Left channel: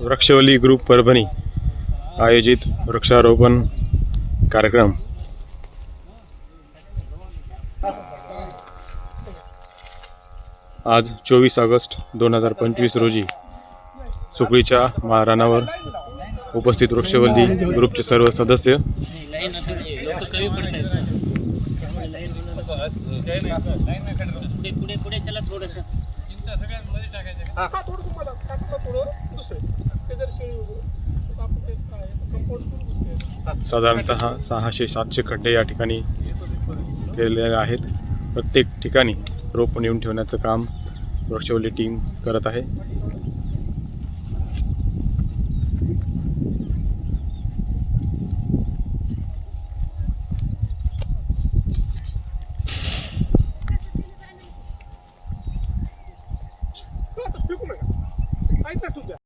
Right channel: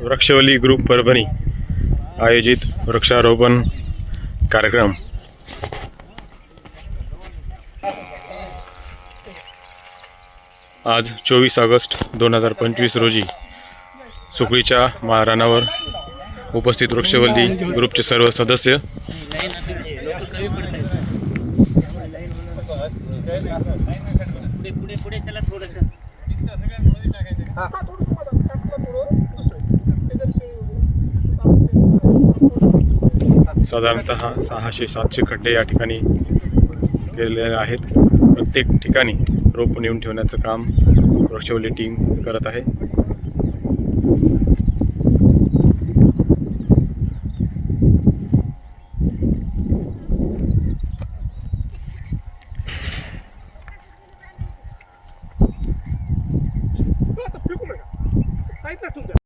वृक्षवल्ली ग्रुप परभणी आयोजित वृक्षारोपण कार्यक्रम आज 24 ऑगस्ट 2025 रोजी सुकळीच्या माळरानावर उपस्थित वृक्षवल्ली ग्रुपचे सर्व सदस्य साधारणतः 600-700 खड्डे या ठिकाणी केलेले आहेत। प्रत्येक ठिकाणी रोप नेऊन ठेवण्याचं काम वृक्षवल्ली टीम करत आहे।